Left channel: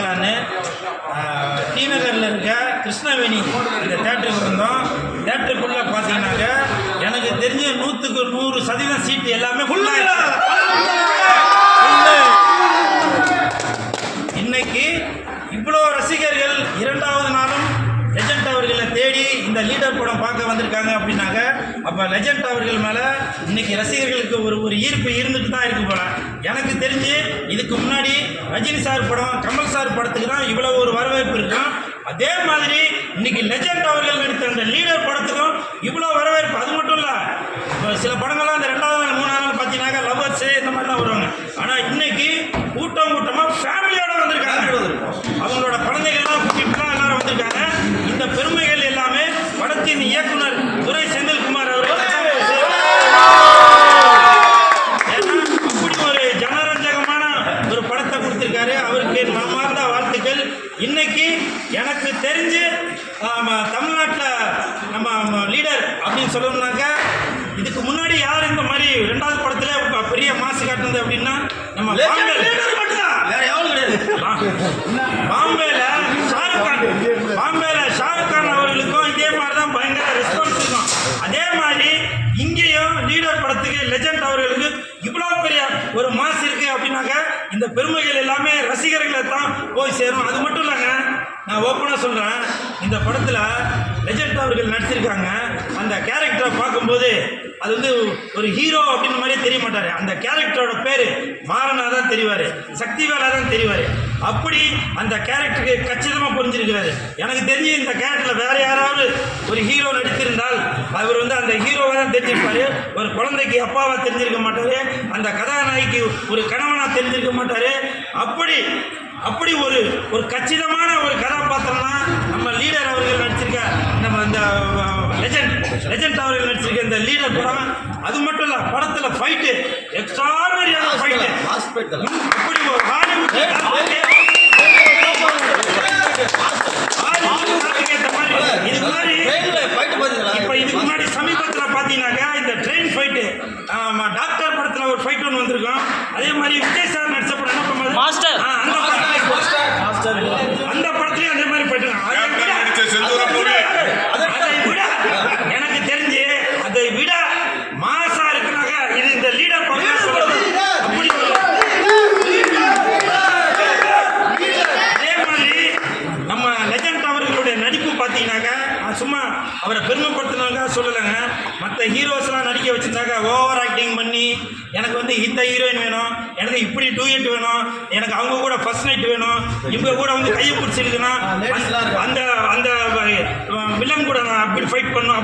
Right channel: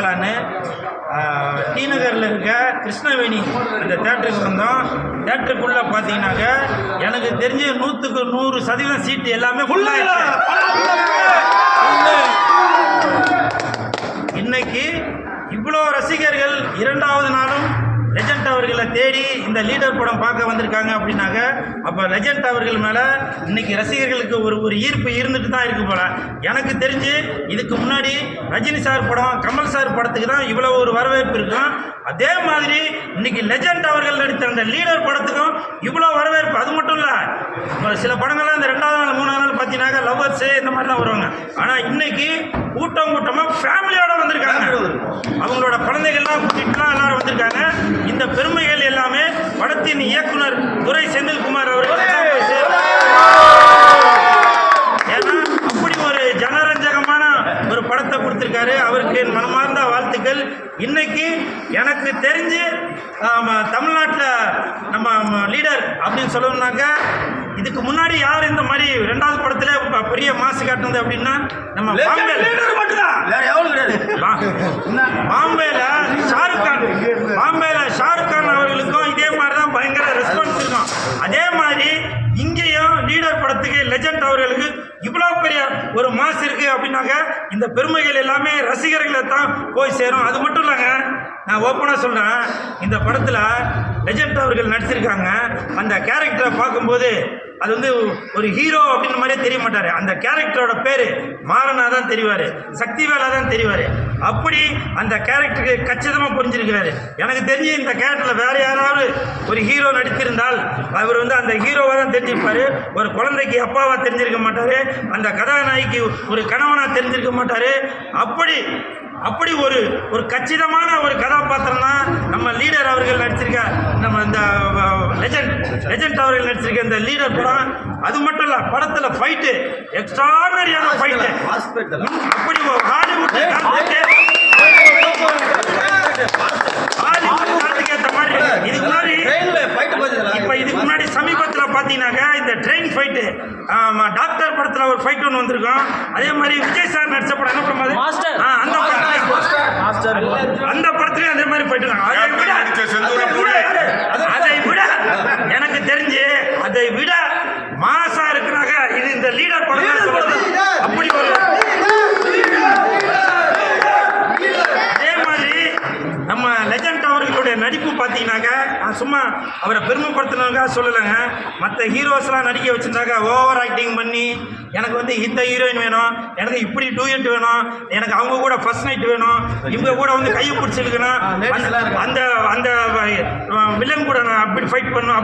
பார்க்கலான்னு டி நகரில் இருக்க கிருஷ்ணவேணி அந்த தேட்டருக்கு வந்தோம். தேட்டருக்குள்ளே பார்த்தீங்கன்னாக்க எனக்கு தெரிஞ்ச 100க்கு 100% சீட்டு எல்லாமே ஃபுல்லாக. இன்னைக்கு இவ்வளோ ரசிகர்கள் 2வது நாளும் லெஜண்ட் அவர்களை தேடி இந்த லீடர் படம் பார்க்க வந்திருக்காங்க அப்படின்னாக்க அப்போ லெஜண்ட் அவர்கள் மேலே இன்னைக்கு ரசிகர்களுக்கு ஒரு ஈர்ப்பு இருந்துட்டு தான் இருக்கு போல. எனக்கு தெரிஞ்சு இதுக்கு முன்னாடி ரஜினி சார் படம், கமல் சார் படத்துக்கு தான் இவ்வளோ ஒரு வரவேற்பு இருக்கும். அதே மாதிரி இன்னைக்கு லெஜண்ட் அவர்கள் நடித்த அந்த லீடர் படத்துக்கும் இவ்வளோ வரவேற்பு. அது மட்டும் இல்லை, சில படங்கள்லாம் இந்த 2வது நாள் 3வது நாள் பார்த்தீங்கன்னாக்கா லவ்வர்ஸு இந்த மாதிரி தான் வருவாங்க. ஆனால் இன்னைக்கு கூட்டமாக ஃபேமிலியோட வந்திருக்காங்க. அவங்களோட குழந்தைகள்லாம் கூட்டிகிட்டுலாம் எல்லாரும் வந்திருக்காங்க. இந்த பெருமைகள் எல்லாமே படத்தின் இயக்குனர் துரை செந்தில்குமார் அவர்கள். ஏன்னா அப்படி ஒரு ஜனரஞ்சகமான ஒரு படத்தை கொடுத்துருக்காரு. அவருக்கு என் மனமார்ந்த வாழ்த்துக்கள். இன்னைக்கு எனக்கு தெரிஞ்சு தமிழ்நாட்டில் நம்ம லீடர் அப்படின்னு சொல்லணும்னாக்கா இதுக்கு முன்னாடி யார் இந்த மாதிரி 2வது படத்துல பெரிய மாசு காட்டுனது அப்படின்னா நம்ம பாம்பேல ஷாருக் கான் அவர்களுக்கும் இதே மாதிரி தான் பயங்கர ரெஸ்பான்ஸ் இருக்கும். அதே மாதிரி இங்கேயும் லீடர் படத்துக்கு லெஜண்ட் அவர்களுக்கு இவ்வளோ பெரிய ஒரு மாசு இருக்கு அப்படின்னாக்க இந்த பெருமைகள் எல்லாமே ரசிகர்களை தான் போய் சேரும். அது மட்டும் இல்லைங்க, நான் ஓப்பனாக சொல்கிறேன், இந்த படத்தில் லெஜண்ட் அவர்கள் நடிச்சிருக்காங்க. அந்த கேரக்டரை பார்க்கும்போது அது வந்து ஒரு ஹீரோ அப்படின்ற மாதிரியே தெரிய மாட்டார். அந்த கேரக்டரோட பேர் மாறனா தான் தெரிவார், சக்திவேலா தான் தெரிவார். அப்படி அந்த கேரக்டருக்கு கச்சிதமாக புரிஞ்சிருக்கிறாரு. எனக்கு தெரிஞ்சு இந்த கேரக்டரில் வேறு யாராவது ஒரு ஹீரோ நடித்திருந்தால் அவர் வந்து அந்த ஹீரோவாக தான் தெரிஞ்சிருப்பார். ஒரு குழந்தைக்கு அப்பாவாக தெரிஞ்சிருக்க மாட்டார், அந்த கதாநாயகிக்கு ஒரு கணவனாக தெரிஞ்சிருக்க மாட்டார். அப்படி ஒரு கச்சிதமான ஒரு கதாபாத்திரம் தான் நம்ம லீடர் அவர்கள் நடிச்சிருக்க, நம்ம இந்த லெஜண்ட் அவர்கள் நடிச்சிருக்க இந்த லீடர் படம். அது மட்டும் இல்லை, படத்தில் ஃபைட்டு எக்ஸ்ட்ராடனரியான ஃபைட்டு. அப்படி ஹாலிவுட் ஏற்ற மாதிரி இதுக்கு முன்னாடி சமீபத்தில் பார்த்தீங்கன்னாக்கா இந்த ட்ரெயின் ஃபைட்டு டாக்டர் படத்தில் ஒரு ஃபைட் ஒன்று வந்திருக்கும். அதே மாதிரி விஜய் சார் நடிச்ச படம் என்ன படம் மாஸ்டர், அந்த படத்துலையும் அதே மாதிரி ஃபைட்டு தான். அதை விட எனக்கு தெரிஞ்சு அதை விட மாசா இருக்குனாக்க இது இந்த லீடர் படம் தான் சொல்றது. அப்படி அதே மாதிரி நம்ம லெஜண்ட் அவர்களுடைய நடிப்பு பார்த்தீங்கன்னாக்கா சும்மா அவரை பெருமைப்படுத்தினாக்கா சொல்லலைங்க. மற்ற ஹீரோஸ்லாம் நடிக்க வச்சுருந்தாக்கா ஓவர் ஆக்டிங் பண்ணி எனக்கு வந்து இந்த ஹீரோயின் வேணும், எனக்கு இப்படி டூயட் வேணும், எனக்கு அவங்க கூட ஃபர்ஸ்ட் நைட் வேணும், இவங்க கூட வந்து கையை பிடிச்சிருக்கணும், அந்த அந்த வில்லன் கூட நான் அப்படி ஃபைட் பண்ணணும்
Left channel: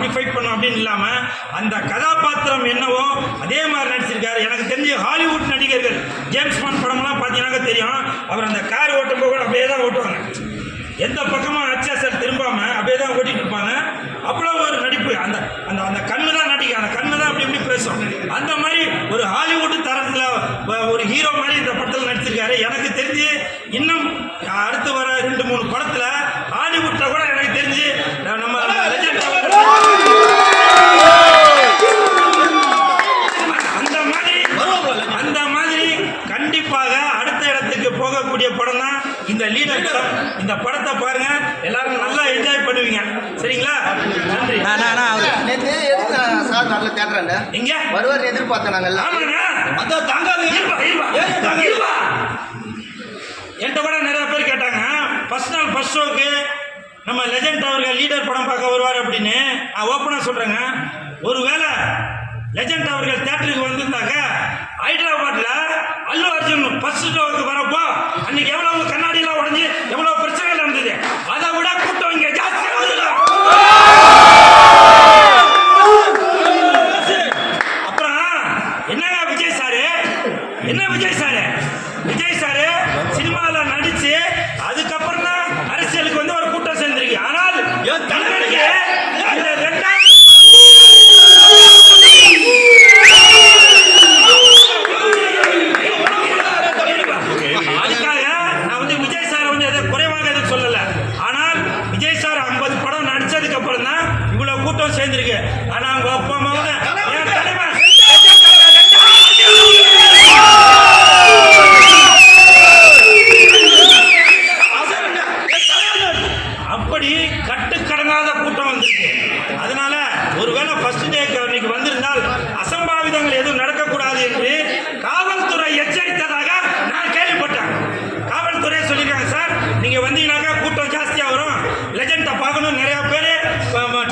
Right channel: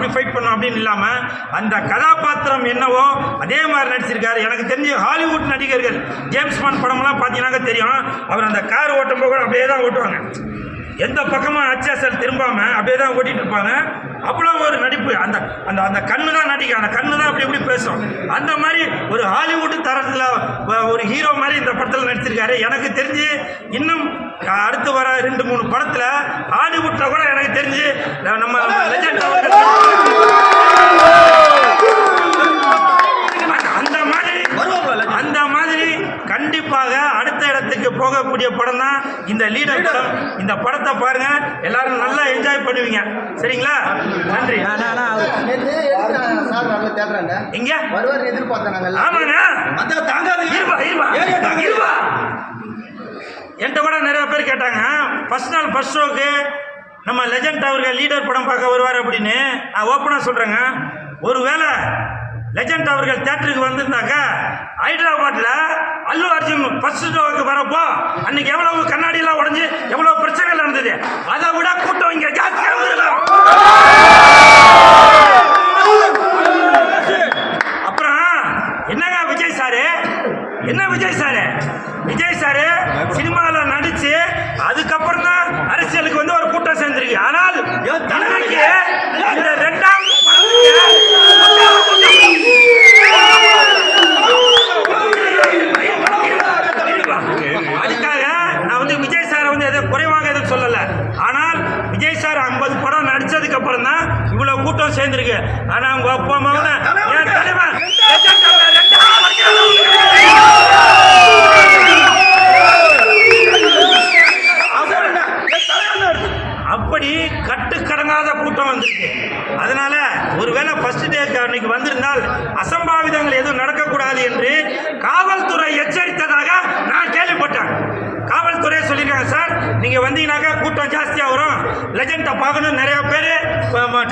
அப்படின்னு இல்லாமல் அந்த கதாபாத்திரம் என்னவோ அதே மாதிரி நடிச்சிருக்காரு. எனக்கு தெரிஞ்ச ஹாலிவுட் நடிகர்கள் ஜேம்ஸ் பாண்ட் படமெல்லாம் பார்த்தீங்கன்னாக்கா தெரியும், அவர் அந்த கார் ஓட்டும்போது கூட அப்படியே தான் ஓட்டுவாங்க, எந்த பக்கமாக அச்சாசல் திரும்பாமல் அப்படியே தான் ஓட்டிகிட்டு இருப்பாங்க. அவ்வளோ ஒரு நடிப்பு. அந்த அந்த அந்த கண்ணு தான் நடிக்கும், அந்த கண்ணு தான் அப்படி பேசும். அந்த மாதிரி ஒரு ஹாலிவுட் தரத்தில் ஒரு ஹீரோ மாதிரி இந்த படத்தில் நடிச்சிருக்காரு. எனக்கு தெரிஞ்சு இன்னும் அடுத்து வர 2-3 படத்தில் ஹாலிவுட்டில் கூட எனக்கு தெரிஞ்சு நம்ம லெஜண்ட் அந்த மாதிரி கண்டிப்பாக அடுத்த இடத்துக்கு போகக்கூடிய படம் தான் இந்த லீடர் படம். இந்த படத்தை பாருங்க, எல்லாரும் நல்லா என்ஜாய் பண்ணுவீங்க. சரிங்களா? நன்றி. எங்க வருவார் எதிர்பார்த்தாங்க. ஆமாண்ணா, என்கிட்ட கூட நிறைய பேர் கேட்டாங்க ஃபர்ஸ்ட் நாள் ஃபர்ஸ்ட் ஷோக்கு நம்ம லெஜண்ட் அவர்கள் லீடர் படம் பார்க்க வருவார் அப்படின்னு. நான் ஓப்பனாக சொல்கிறேங்க, ஒருவேளை லெஜண்ட் அவர்கள் தியேட்டருக்கு வந்திருந்தாங்க ஹைதராபாத்தில் அல்லு அர்ஜுன் ஃபர்ஸ்ட் ஷோவுக்கு வரப்போ அன்னைக்கு எவ்வளவு கண்ணாடியெல்லாம் உடஞ்சி எவ்வளவு பிரச்சனைகள் நடந்தது, அதை விட கூட்டம் இங்கே ஜாஸ்தியாக இருந்தது. அப்புறம் என்னங்க விஜய் சாரு சினிமாவில் நடிச்சு அதுக்கப்புறம் தான் அரசியலுக்கு வந்து ஒரு கூட்டம் சேர்ந்திருக்கு. ஆனால் தனக்கு இந்த 2வது அதுக்காக நான் வந்து விஜய் சாரை வந்து எதை குறைவாக எதுவும் சொல்லலை. ஆனால் விஜய் சார் 50 படம் நடிச்சதுக்கு அப்புறம் தான் இவ்வளவு கூட்டம் சேர்ந்திருக்கு. ஆனால் அவங்க அப்பா அம்மாவோட என் தலைவன் நீங்கள் வந்தீங்கன்னாக்கா கூட்டம் ஜாஸ்தியாக வரும். லெஜெண்டை பார்க்கணும், நிறையா பேர்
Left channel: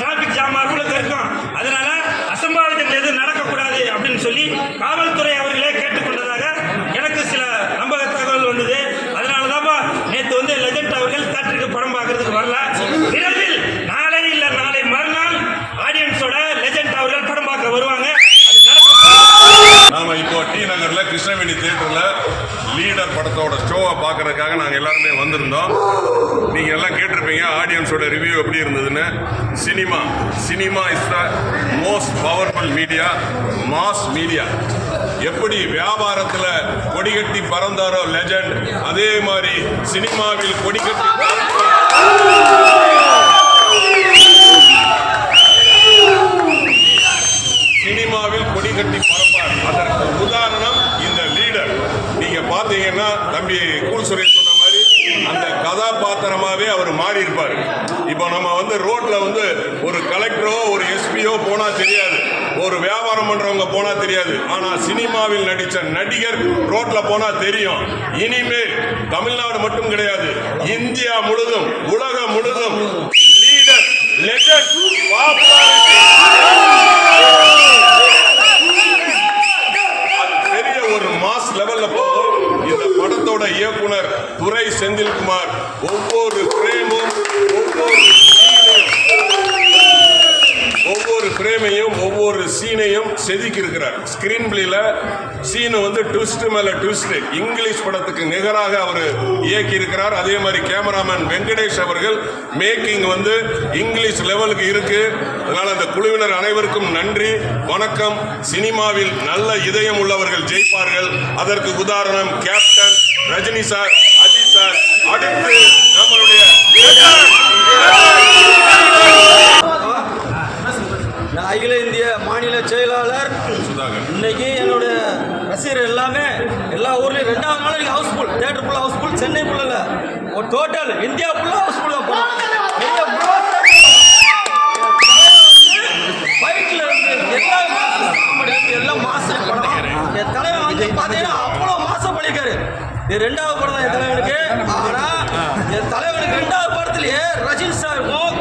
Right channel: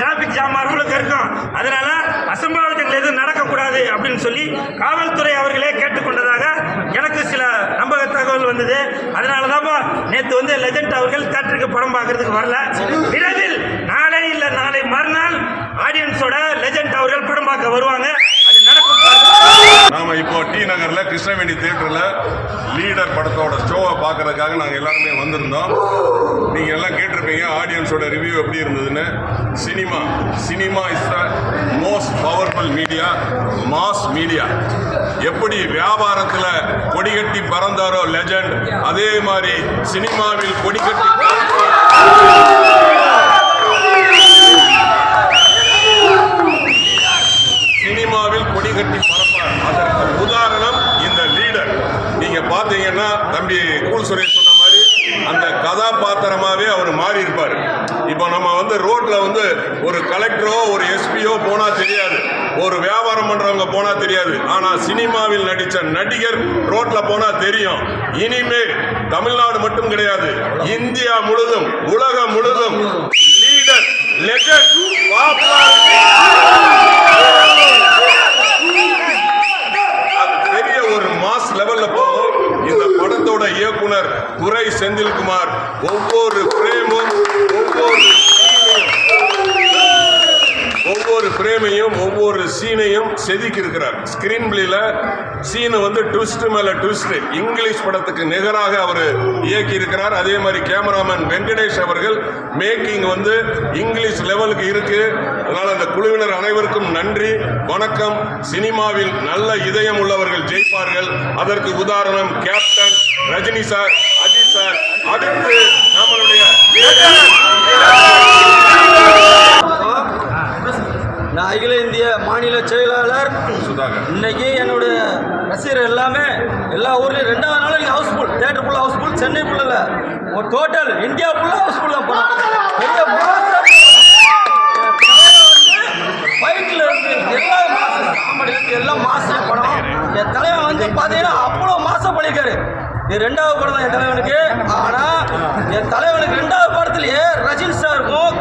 டிராஃபிக் ஜாம் அளவுக்கு இருக்கும். அதனால அசம்பாவிதங்கள் எதுவும் நடக்கக்கூடாது அப்படின்னு சொல்லி காவல்துறை அவர்களே கேட்டுக்கொண்டதாக எனக்கு சில நம்பக தகவல் வந்தது. அதனால தான் நேற்று வந்து லெஜெண்ட் அவர்கள் தேட்டருக்கு படம் பார்க்கறதுக்கு வரல. விரைவில் நாளை இல்லை நாளை மறுநாள் ஆடியன்ஸோட லெஜெண்ட் அவர்கள் படம் பார்க்க வருவாங்க. அது நடக்கும். நாம இப்போ டி நகர்ல கிருஷ்ணவேணி தியேட்டர்ல லீடர் படத்தோட ஷோவை பார்க்கறதுக்காக நாங்கள் எல்லாருமே வந்திருந்தோம். நீங்க எல்லாம் கேட்டிருப்பீங்க ஆடியன்ஸோட ரிவ்யூ எப்படி இருந்ததுன்னு. Cinema is the most powerful media, mass media. எப்படி வியாபாரத்தில் கொடிகட்டி பறந்தாரோ லெஜண்ட், அதே மாதிரி சினிமாவில் கொடிகட்டி கொடிகட்டி பறப்பார். அதற்கு உதாரணம் இந்த லீடர். நீங்க பாத்தீங்கன்னா தம்பி கூல் சுரேஷ் சொன்ன மாதிரி அந்த கதாபாத்திரமாவே அவர் மாறி இருப்பார். இப்போ நம்ம வந்து ரோட்ல வந்து ஒரு கலெக்டரோ ஒரு எஸ்பியோ போனா தெரியாது, ஒரு வியாபாரம் பண்றவங்க போனா தெரியாது. ஆனா சினிமாவில் நடிச்ச நடிகர் ரோட்ல போனா தெரியும். இனிமேல் தமிழ்நாடு மட்டும் கிடையாது, இந்தியா முழுதும் உலகம் முழுதும் லீடர் லெஜண்ட் பெரிய ஒரு மாஸ் லெவல்ல போகும். இந்த படத்தோட இயக்குனர் துரை செந்தில்குமார் ஒவ்வொரு ஃப்ரேமும் ஒவ்வொரு சீனையும் செதுக்கி இருக்கிறார். ஸ்கிரீன் பிளேல சீனு வந்து ட்விஸ்ட் மேல ட்விஸ்ட், இங்கிலீஷ் படத்துக்கு நிகராக அவர் இயக்கி இருக்கிறார். அதே மாதிரி கேமராமேன் வெங்கடேஷ் அவர்கள் மேக்கிங் வந்து இங்கிலீஷ் லெவலுக்கு இருக்கு. அதனால அந்த குழுவினர் அனைவருக்கும் நன்றி, வணக்கம். சினிமாவில் நல்ல இதயம் உள்ளவர்கள் ஜெயிப்பார்கள். அதற்கு உதாரணம் captain Rajini sir, Ajith sir. அடுத்து நம்மளுடைய நான் அகில இந்திய மாநில செயலாளர் சுதாகர். இன்னைக்கு என்னோட ரசிகர் எல்லாமே எல்லா ஊர்லேயும் 2வது நாள் இன்னைக்கு ஹவுஸ்ஃபுல், தேட்டர் ஃபுல்லாக ஹவுஸ்ஃபுல். சென்னை ஃபுல்லில் ஒரு டோட்டல் இந்தியா ஃபுல்லாக ஹவுஸ்ஃபுல் தான் படம். பெரிய ஃபைட்டில் இருந்து எல்லா மாதம் காமெடியிலேருந்து எல்லாம் மாதம் படம். என் தலைவன் வந்து பார்த்தீங்கன்னா அவ்வளோ மாதம் பண்ணியிருக்காரு. இது 2வது படம் தான் என் தலைவனுக்கு. ஆனால் என் தலைவனுக்கு 2வது படத்துலேயே ரஜினி சாருக்கும்